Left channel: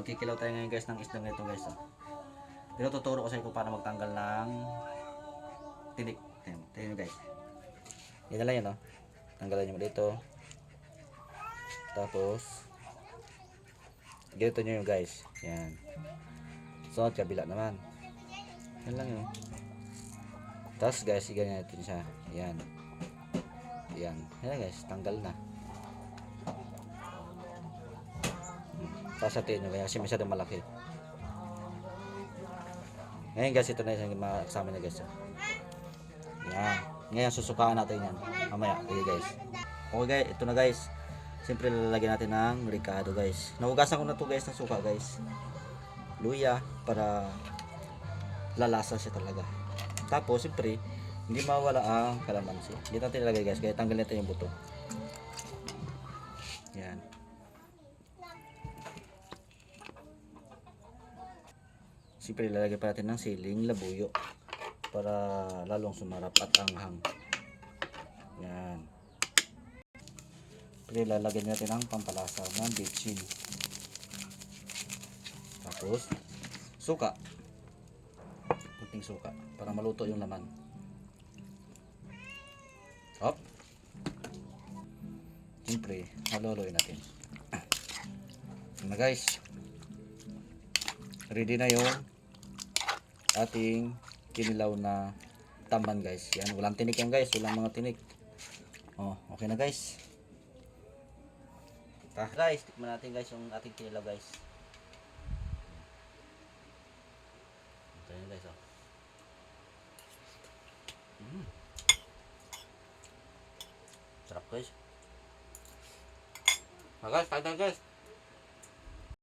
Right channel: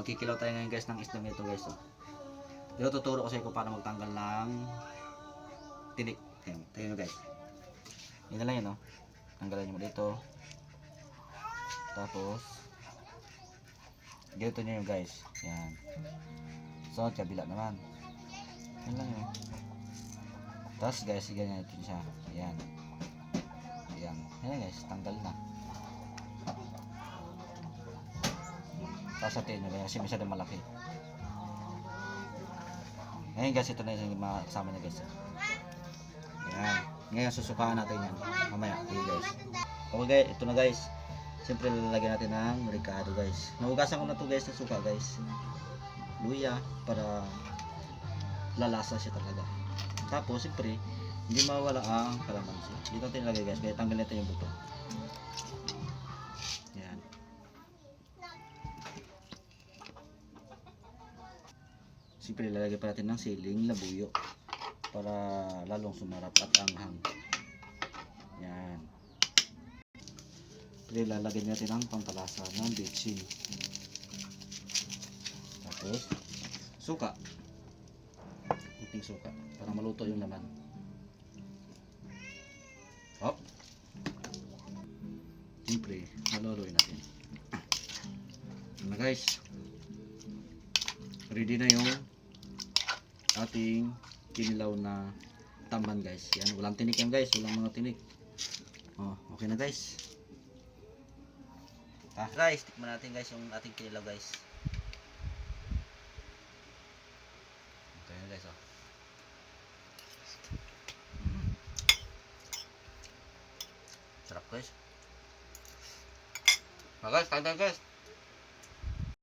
magkikilaw tayo ngayon guys ng isda nito guys. Oh. Pero tuturo ko sa iyo kung paano magtanggal ng tinik. Tingnan guys. Yan na lang yan, no? Tanggalan nyo dito. Tapos ganito nyo yung guys. Yan. So, kabila naman. Yan lang yun. Tapos guys, ganyan natin siya. Yan. Yan. Yan guys, tanggal na. Tapos natin nyo, kasi masyadong malaki. Ngayon guys, ito na yung kasama niya guys. Yan. Ngayon susukaan natin yan. Mamaya. Okay guys. Okay, ito na guys. Siyempre lalagyan natin ng ricado guys. Nahugasan ko na to guys ng suka guys. Luya para lalasa siya talaga. Tapos siyempre hindi mawala ang kalamansi. Dito natin ilagay guys. Kaya tanggalin natin yung buto. Yan. Siyempre lalagyan pa natin ng siling labuyo para lalong sumarap at anghang. Yan. Siyempre lalagyan natin ng pampalasa ng bitchin. Tapos suka. Kunting suka para maluto yung laman. Hop. Siyempre haluin natin. Na guys. Ready na yung ating kinilaw na tamban guys. Yan, walang tinik yan guys, walang mga tinik. Oh, okay na guys. Guys, tikman natin guys yung ating kinilaw guys. Okay na guys, oh. Sarap guys. Guys, kain tayo guys.